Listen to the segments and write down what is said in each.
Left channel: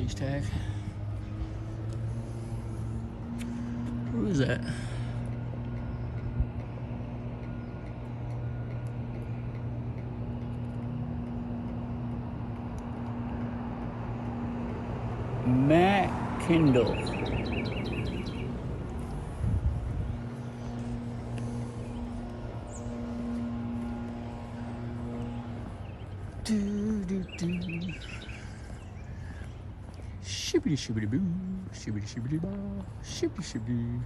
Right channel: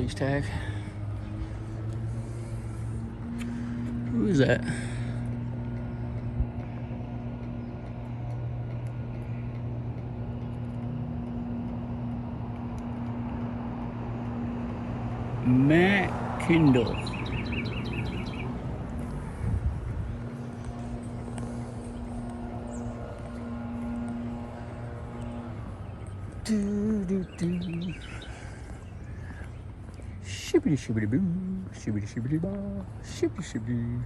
police tag. Who is that? Matt Kendall. Shibbity shibbity boo, shibbity shibbity ba, shibbity shibbity.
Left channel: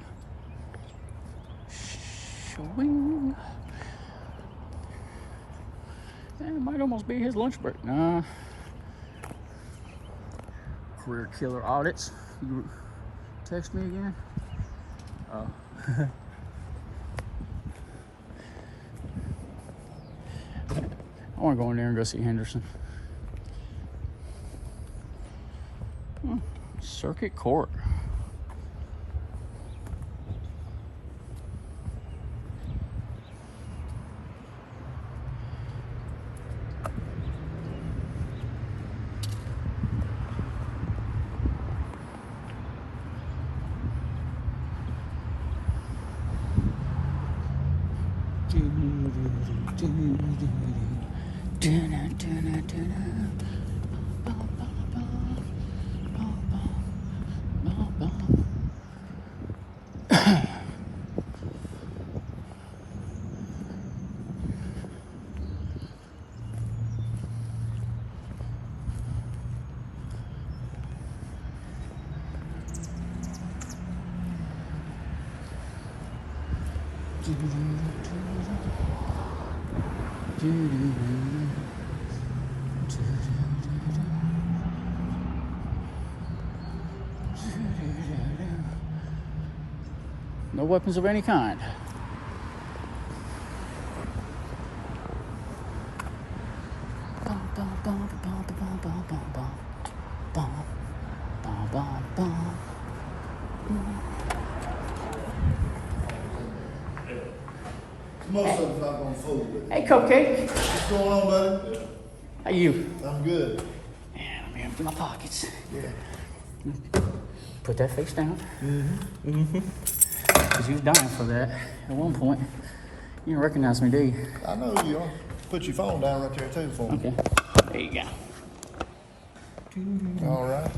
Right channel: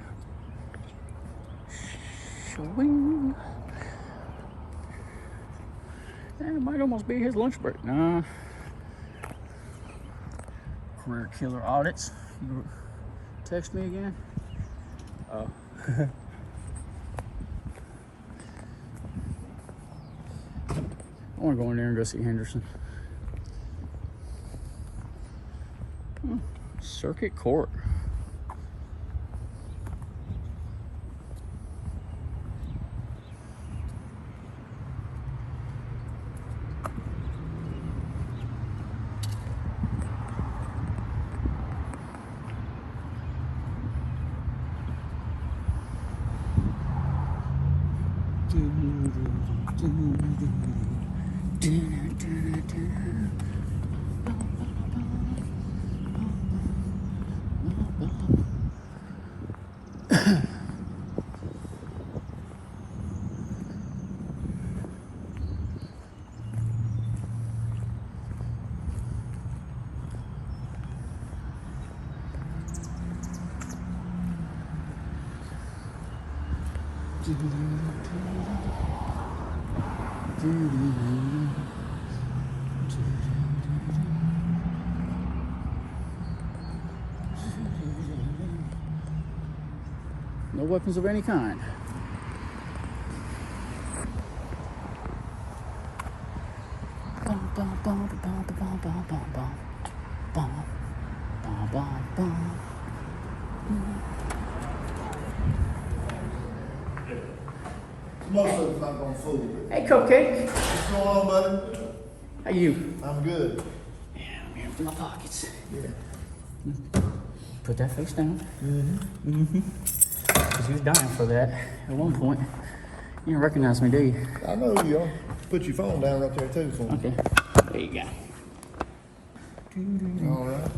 Swing. That might almost be his lunch break. Nah. Career killer audits. You text me again? Oh. I want to go in there and go see Henderson. Oh, Circuit Court. No weapons of any kind. Bum, bum, bum, bum, bum, bum, bum, bum, bum. Bum, bum, bum, bum. Most of it's not gonna fool with. Hey, Cupcake. What's going on, buddy? How you? I'm good. Yeah, let me empty my pockets. Yeah. Put that face down. Because you was dying for that at one point. You didn't recognize me, do you? I know who you are. Put your phone down right there too for me. Okay. There you go. All right.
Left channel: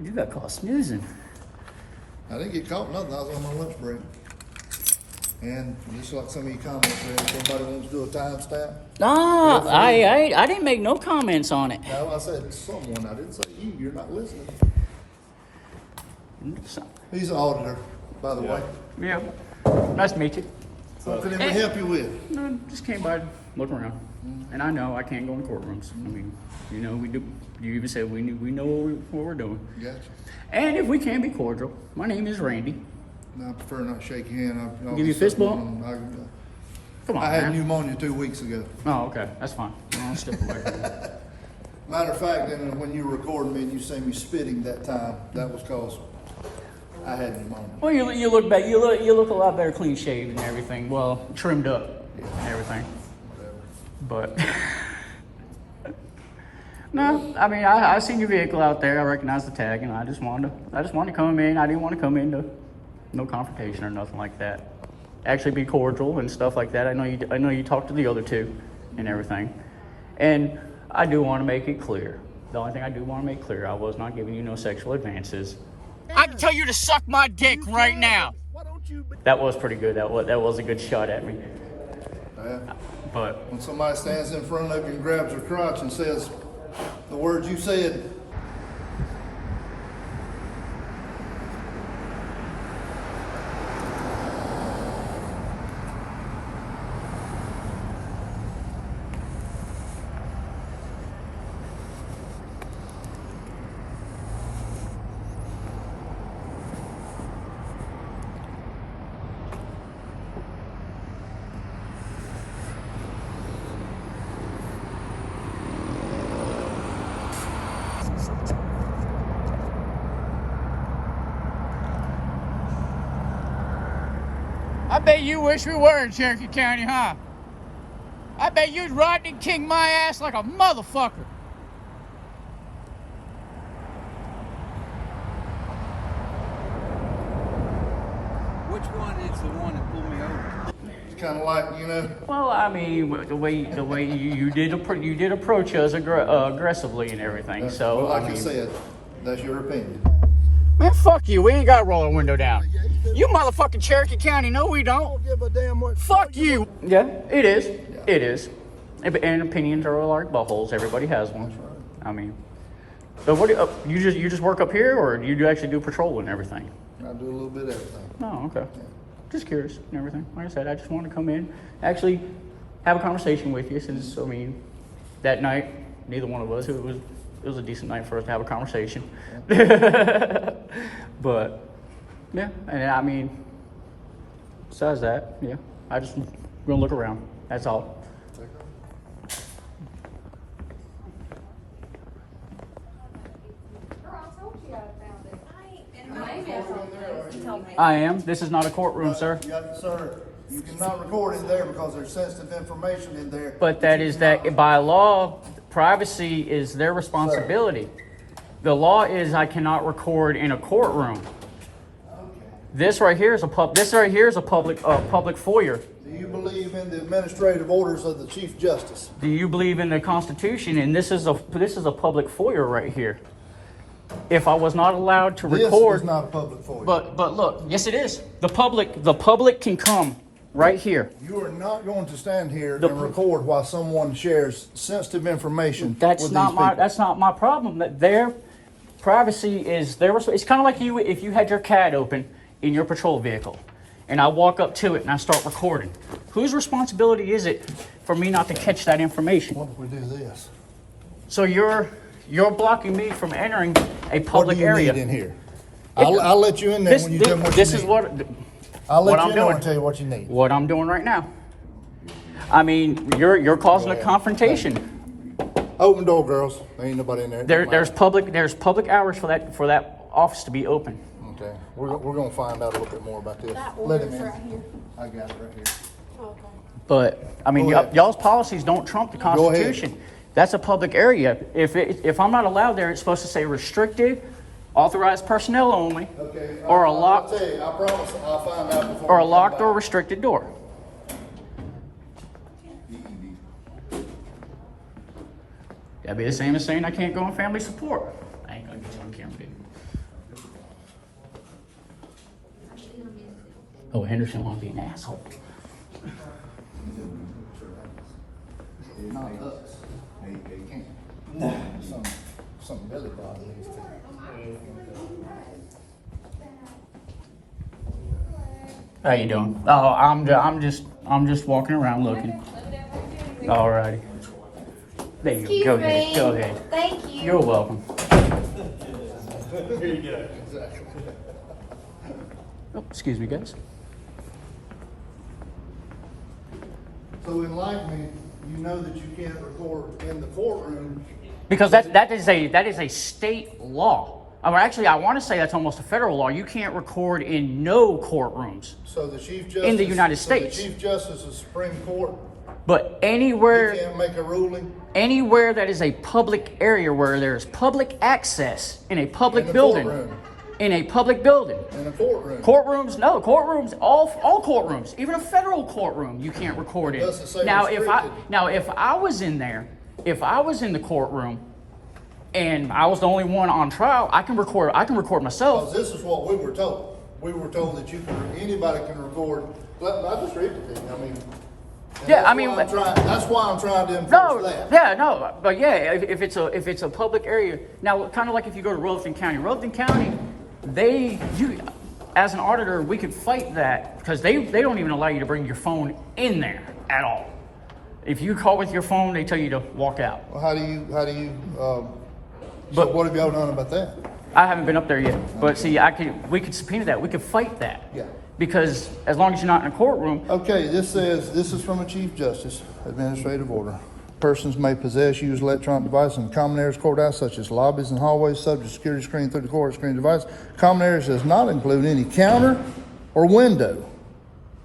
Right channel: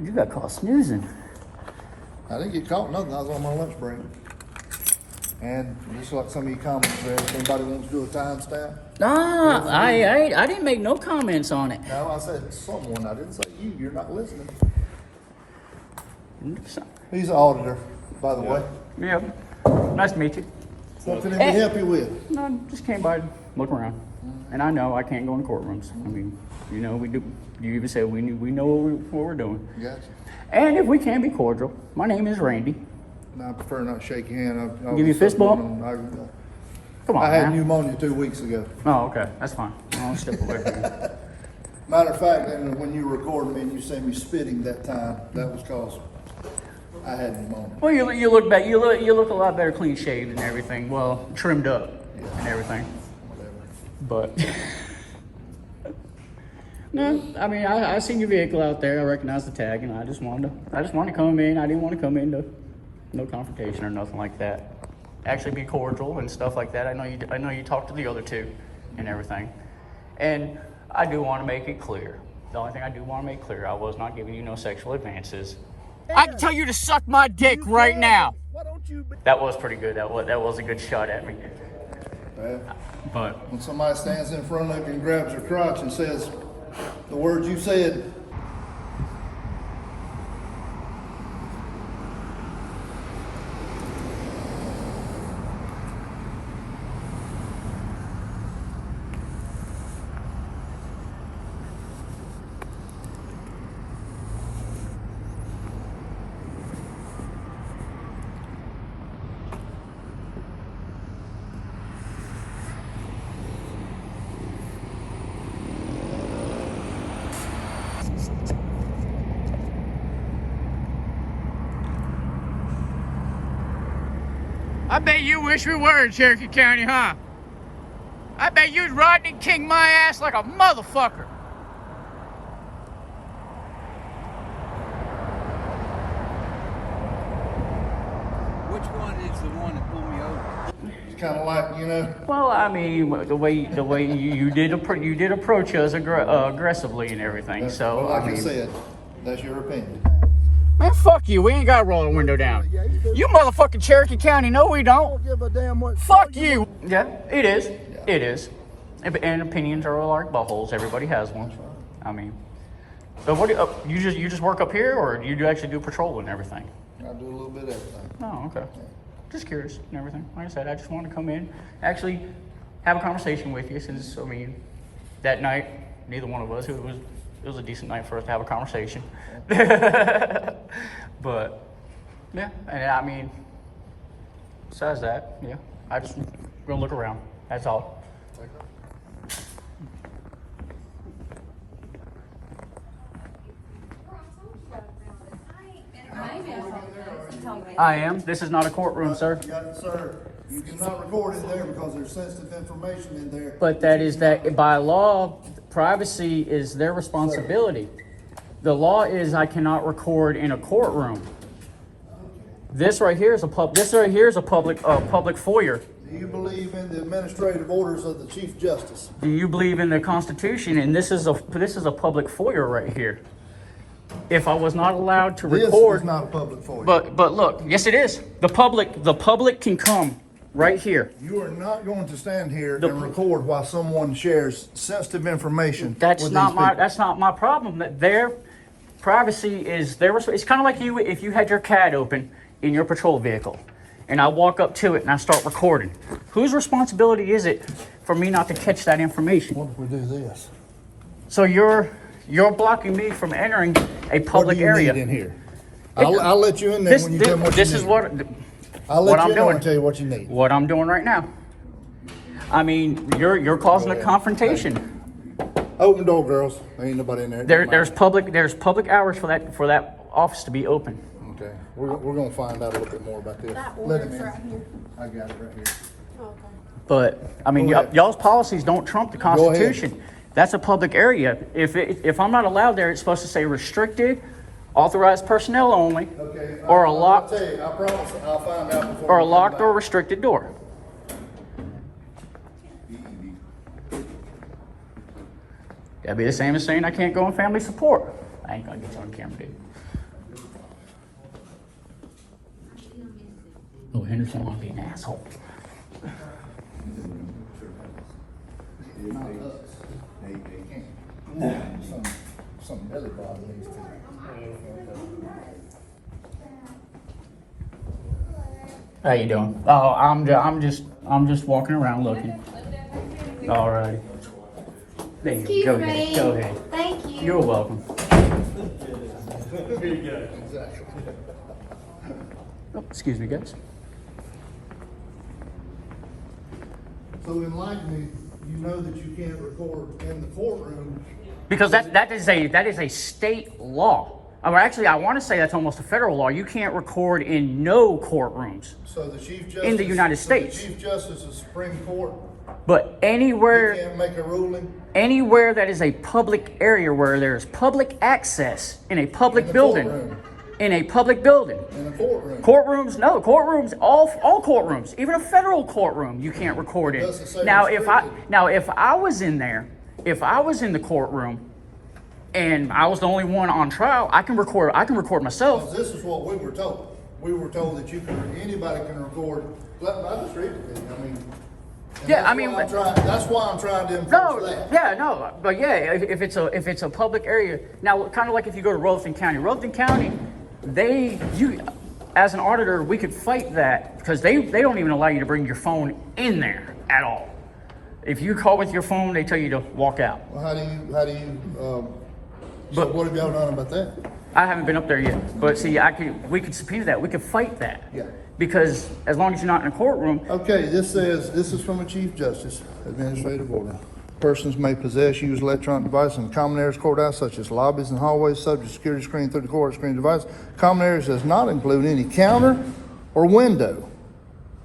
You got caught snoozing. I didn't get caught nothing. I was on my lunch break. And just like some of you comments there, if anybody wants to do a timestamp. Nah, I didn't make no comments on it. No, I said someone. I didn't say you. You're not listening. He's an auditor, by the way. Yeah. Nice to meet you. Something that we help you with. No, just came by to look around. And I know I can't go in courtrooms. I mean, you know, we do. You even said we know what we're doing. Gotcha. And if we can be cordial, my name is Randy. No, I prefer not to shake your hand. Give you a fist bump? Come on, I had man. pneumonia 2 weeks ago. Oh, okay. That's fine. I'll step away from you. Matter of fact, and when you were recording me and you see me spitting that time, that was cause I had pneumonia. Well, you look back. You look a lot better, clean shaved and everything. Well, trimmed up and everything. Whatever. But no, I mean, I seen your vehicle out there. I recognized the tag, and I just wanted to come in. I didn't want to come into no confrontation or nothing like that. Actually, be cordial and stuff like that. I know you talked to the other two and everything, and I do want to make it clear. The only thing I do want to make clear, I was not giving you no sexual advances. I can tell you to suck my dick right now. Why don't you? That was pretty good. That was a good shot at me. Yeah. But When somebody stands in front of you and grabs her crotch and says the words you said, I bet you wish we were in Cherokee County, huh? I bet you'd Rodney King my ass like a motherfucker. which one is the one that pulled me over? It's kind of like, you know, Well, I mean, the way you did approach us aggressively and everything. So well, like I I mean, said, that's your opinion. man, fuck you. We ain't got to roll the window down. You motherfucking Cherokee County. No, we don't. Give a damn what. Fuck you. Yeah, it is. It is. And opinions are like buttholes. Everybody has one. I mean, but what you just work up here, or you do actually do patrol and everything? I do a little bit of everything. Oh, okay. Just curious and everything. Like I said, I just wanted to come in, actually have a conversation with you, since I mean, that night neither one of us. It was a decent night for us to have a conversation. But yeah, and I mean, besides that, yeah, I just gonna look around. That's all. I am. This is not a courtroom, sir. Sir, you cannot record in there because there's sensitive information in there. But that is that by law, privacy is their responsibility. The law is I cannot record in a courtroom. This right here is a public foyer. Do you believe in the administrative orders of the Chief Justice? Do you believe in the Constitution? And this is a public foyer right here. If I was not allowed to record, This is not a public foyer. but look, yes it is. The public can come right here. You are not going to stand here and record while someone shares sensitive information. That's with not these my people. that's not my problem. That their privacy is their. It's kind of like you if you had your CAD open in your patrol vehicle, and I walk up to it and I start recording. Whose responsibility is it for me not to catch that information? What if we do this? So you're blocking me from entering a public What do you area. need in here? I'll let you in there when you tell me what you need. This is what I'll what let I'm you in there doing. and tell you what you need. What I'm doing right now. I mean, you're causing a confrontation. Open door, girls. There ain't nobody in there. There's public hours for that office to be open. Okay, we're gonna find out a little bit more about this. Let him in. Right here. I got it right here. Okay. But I mean, Go ahead. y'all's policies don't trump the ahead. Constitution. That's a public area. If I'm not allowed there, it's supposed to say restricted, authorized personnel only, Okay. or a I'll locked tell you, I promise I'll find out before. or a we come locked or back. restricted door. That'd be the same as saying I can't go on family support. I ain't gonna get you on camera, dude. Oh, Henderson wanna be an asshole. Not us. They can't. Some belly bottom needs to. How you doing? Oh, I'm just walking around looking. Alrighty. There you Excuse go. me. Go ahead. Thank you. You're welcome. Exactly. Oh, excuse me, guys. So enlighten me, you know that you can't record in the courtroom. Because that is a state law. Or actually, I want to say that's almost a federal law. You can't record in no courtrooms. So the Chief Justice. In the United States. So the Chief Justice of the Supreme Court, But he anywhere can't make a ruling that is a public area where there's public access in a public In the building. courtroom. In a public building. in a courtroom. Courtrooms, no, courtrooms, all courtrooms, even a federal courtroom, you can't record in. Doesn't say Now, restricted. if I was in there, if I was in the courtroom, and I was the only one on trial, I can record myself. Because this is what we were told. We were told that anybody can record, not just read it, I mean. and Yeah, that's I mean, why that's why I'm trying to enforce No, that. yeah, no, but yeah, if it's a public area, now kind of like if you go to Robeson County, as an auditor, we could fight that because they don't even allow you to bring your phone in there at all. If you call with your phone, they tell you to walk out. Well, how do you, so But- what have y'all done about that? I haven't been up there yet, but see, we could subpoena that. We could fight that. Yeah. Because as long as you're not in a courtroom, Okay, this is from a Chief Justice, administrative order. Persons may possess, use electronic devices in common areas, courthouse, such as lobbies and hallways, subject to security screen through the court screen device. Common areas does not include any counter or window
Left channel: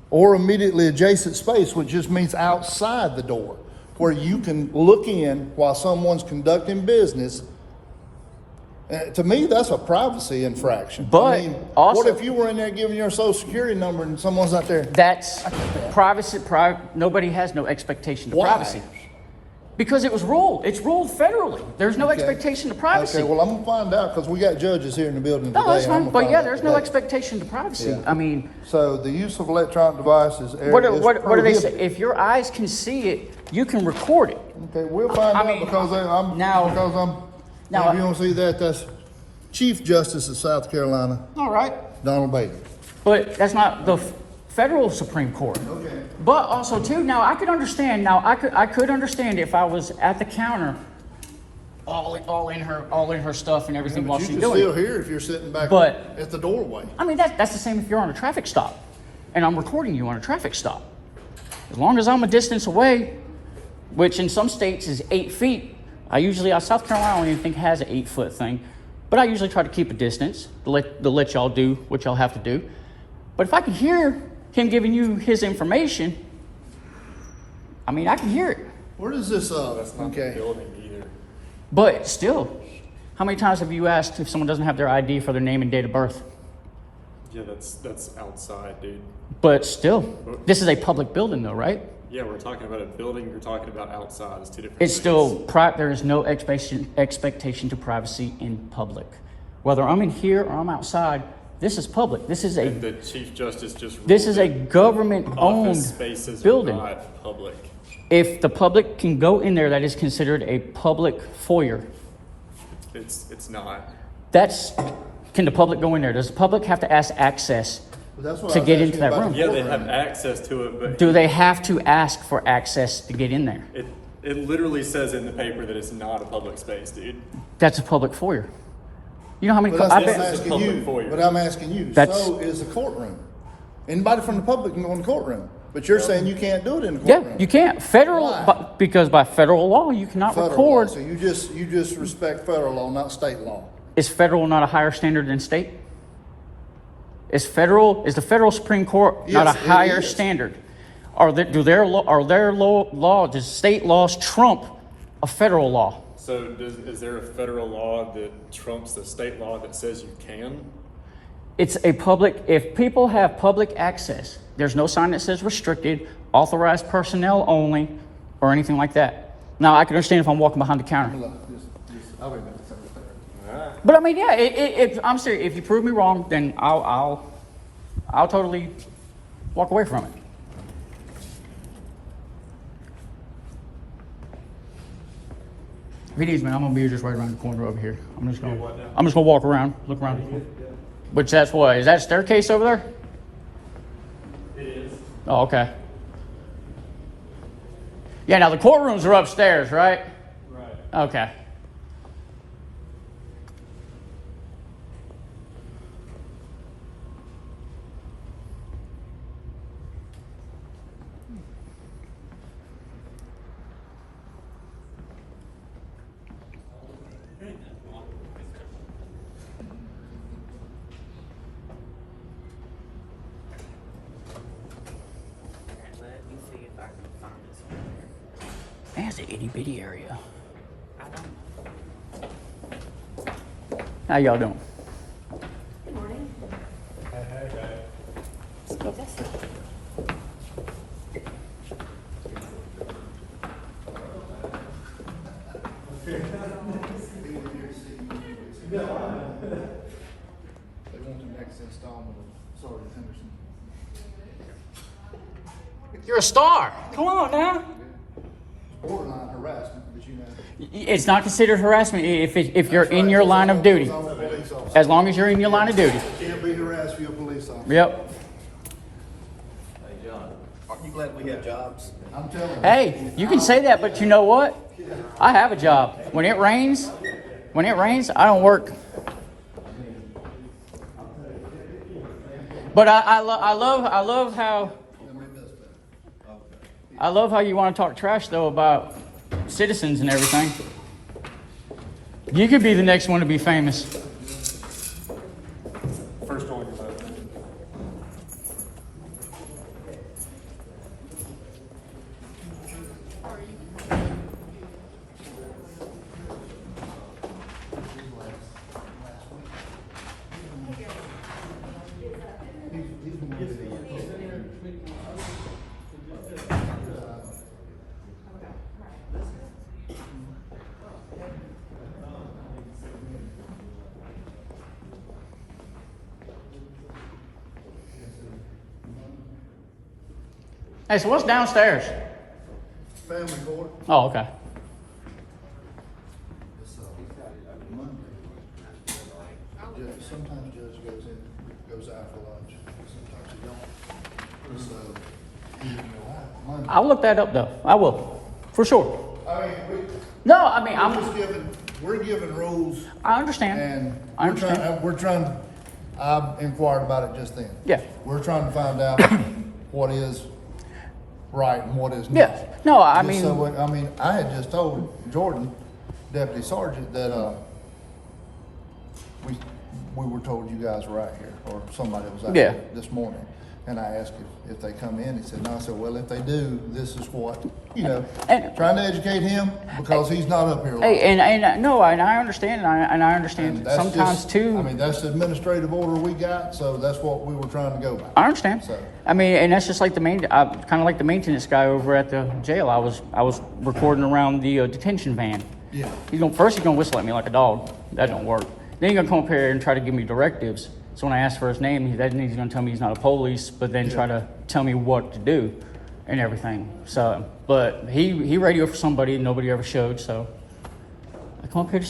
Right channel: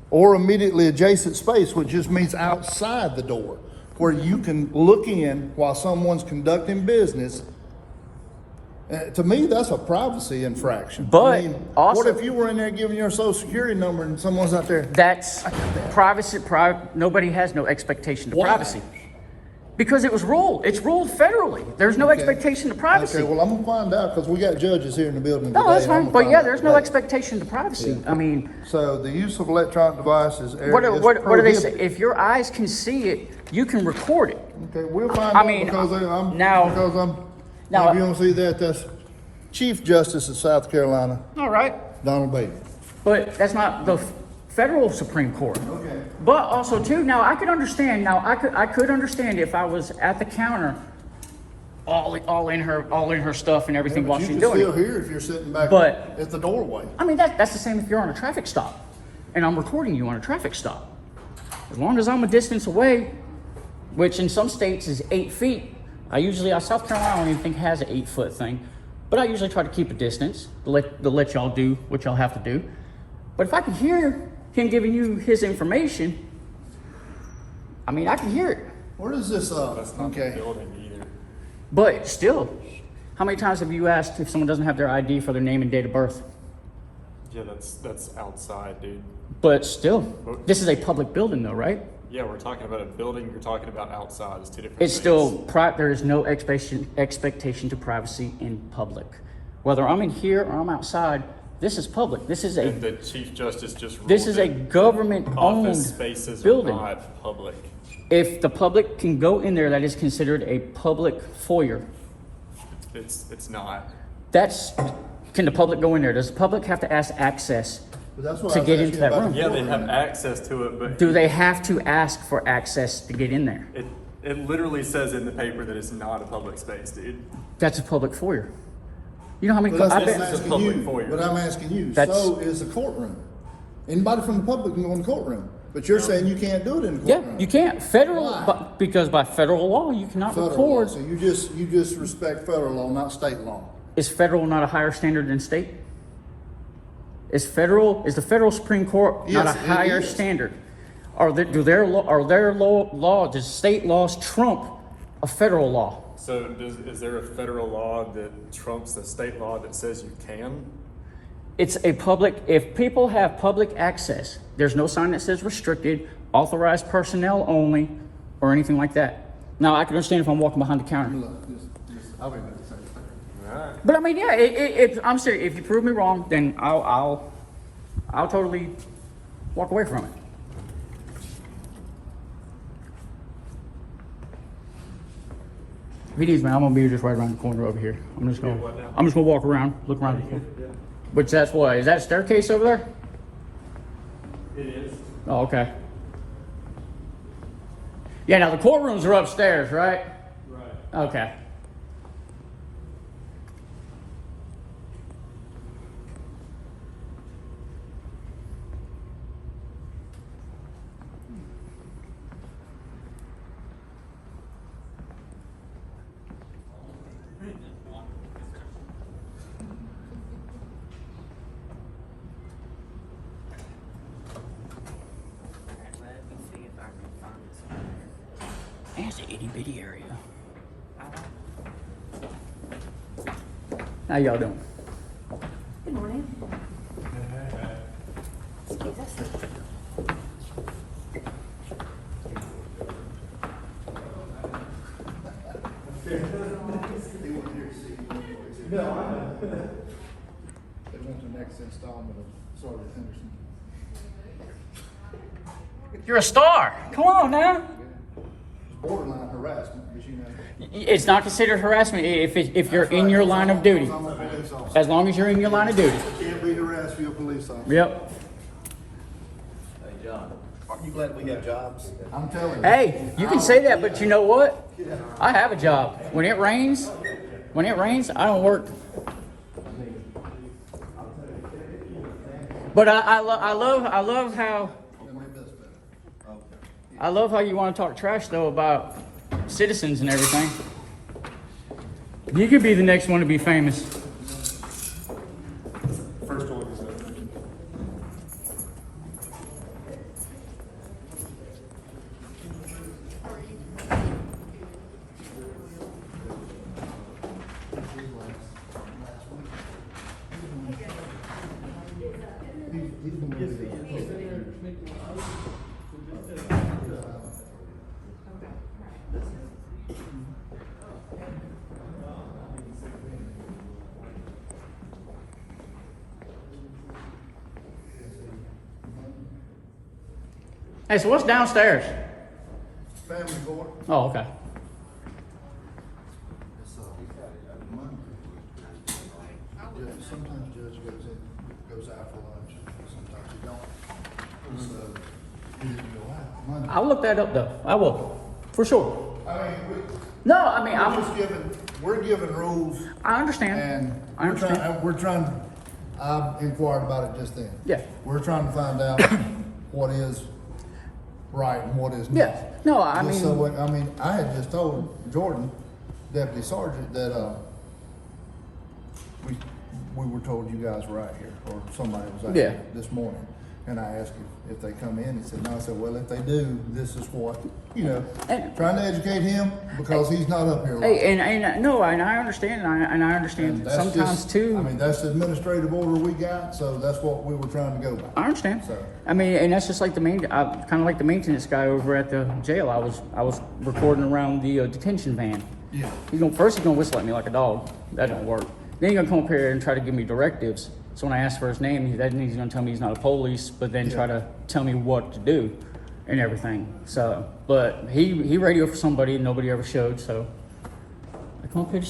or immediately adjacent space, which just means outside the door, where you can look in while someone's conducting business To me, that's a privacy infraction. But also- what if you were in there giving your social security number and someone's not there? That's privacy. Nobody has no expectation of Why? privacy. Because it was ruled. It's ruled federally. There's no expectation of privacy. Okay, well, I'm gonna find out, because we got judges here in the building today. No, that's and I'm fine. gonna But find yeah, out there's no today. expectation to privacy. Yeah. I mean, So the use of electronic devices. what do they say? If your eyes can see it, you can record it. Okay, we'll find I out, mean, because I'm, now- because I'm, now- if you don't see that, that's Chief Justice of South Carolina, All right. Donald Bailey. But that's not the federal Supreme Court. Okay. But also too, now I could understand. Now I could understand if I was at the counter, all in her stuff and everything while But she's you can doing still it. hear if you're sitting back But- at the doorway. I mean that's the same if you're on a traffic stop, and I'm recording you on a traffic stop. As long as I'm a distance away, which in some states is 8 feet. South Carolina I don't even think has an 8-foot thing, but I usually try to keep a distance to let y'all do what y'all have to do. But if I can hear him giving you his information, I mean I can hear it. Where does this, okay. But still, how many times have you asked if someone doesn't have their ID for their name and date of birth? Yeah, that's outside, dude. But still, this is a public building though, right? Yeah, we're talking about a building, you're talking about outside. It's two different It's things. still, there is no expectation to privacy in public. Whether I'm in here or I'm outside, this is public. This is And a, the Chief Justice just ruled this is a that government-owned office spaces building. are not public. If the public can go in there, that is considered a public foyer. It's not. Can the public go in there? Does the public have to ask access But that's what to I was get asking into that about room? the Yeah, they courtroom. have access to it, but Do they have to ask for access to get in there? it literally says in the paper that it's not a public space, dude. That's a public foyer. You know how many? But that's I what bet- I'm This is a asking public you, foyer. but I'm asking you, That's- so is the courtroom. Anybody from the public can go in the courtroom, but you're saying you can't do it in the Yeah, courtroom. you can't. Federal, Why? because by federal law, you cannot Federal law, record. so you just respect federal law, not state law. Is federal not a higher standard than state? Is the federal Supreme Court not Yes, a it higher is. standard? Does state laws trump a federal law? So is there a federal law that trumps the state law that says you can? It's a public, if people have public access, there's no sign that says restricted, authorized personnel only, or anything like that. Now, I can understand if I'm walking behind the counter. I'll be back. But I mean, yeah, I'm serious. If you prove me wrong, then I'll totally walk away from it. If he needs me, I'm gonna be just right around the corner over here. I'm just gonna walk around, look around the corner. Which that's what? Is that a staircase over there? It is. Oh, okay. Yeah. Now the courtrooms are upstairs, right? Right. Okay. Let me see if I can find this. Man, it's an itty bitty area. How y'all doing? Good morning. Excuse us. They want the next installment of Sergeant Henderson. You're a star. Come on now. Borderline harassment, but you know. It's not considered harassment if you're in your line of duty. I'm a police officer. As long as you're in your line of duty. You can't be harassed if you're a police officer. Yep. Aren't you glad we have jobs? I'm telling you. Hey, you can say that, but you know what? I have a job. When it rains, I don't work. But I love how you want to talk trash though about citizens and everything. You could be the next one to be famous. First order of that. Hey, so what's downstairs? Family court. Oh, okay. It's, Monday. Sometimes judge goes out for lunch, sometimes he don't. So, he didn't go out Monday. I'll look that up though. I will, for sure. I mean, No, I mean, we're given rules, I understand. and I understand. I inquired about it just then. Yeah. We're trying to find out what is right and what is not. Yeah. No, I Just mean, so I had just told Jordan, Deputy Sergeant, that, we were told you guys were out here, or somebody was out Yeah. here this morning. And I asked if they come in, he said, no. I said, well, if they do, this is what, And- trying to educate him because he's not up here a lot. hey, and no, and I understand, and I understand And that's sometimes just- too. I mean, that's the administrative order we got, so that's what we were trying to go by. I understand. So- I mean, and that's just like kind of like the maintenance guy over at the jail. I was recording around the detention van. Yeah. He's gonna whistle at me like a dog. That don't work. Then he's gonna come up here and try to give me directives. So when I ask for his name, he's gonna tell me he's not a police, but then try to tell me what to do and everything. So, but he radioed for somebody nobody ever showed. So I come up here to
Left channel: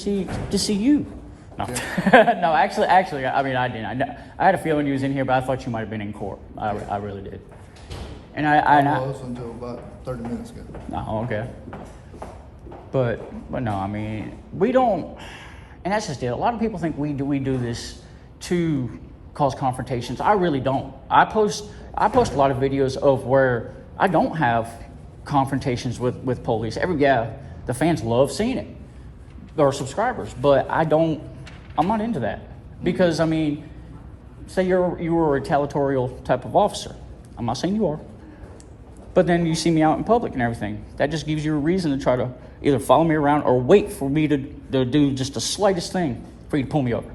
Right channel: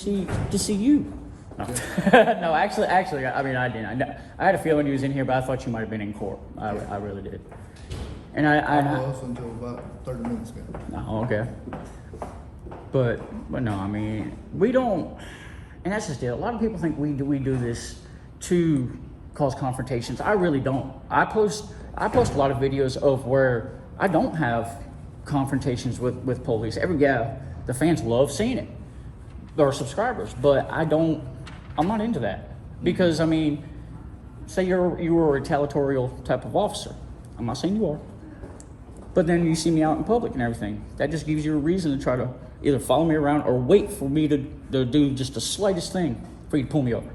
see you. No, no, actually, I mean, I didn't. I had a feeling you was in here, but I thought you might have been in court. I really did. And I was until about 30 minutes ago. Oh, okay. But no, I mean, we don't, and that's just it. A lot of people think we do this to cause confrontations. I really don't. I post a lot of videos of where I don't have confrontations with police. The fans love seeing it, or subscribers, but I'm not into that. Because, I mean, say you were a retaliatory type of officer. I'm not saying you are. But then you see me out in public and everything. That just gives you a reason to try to either follow me around or wait for me to do just the slightest thing for you to pull me over.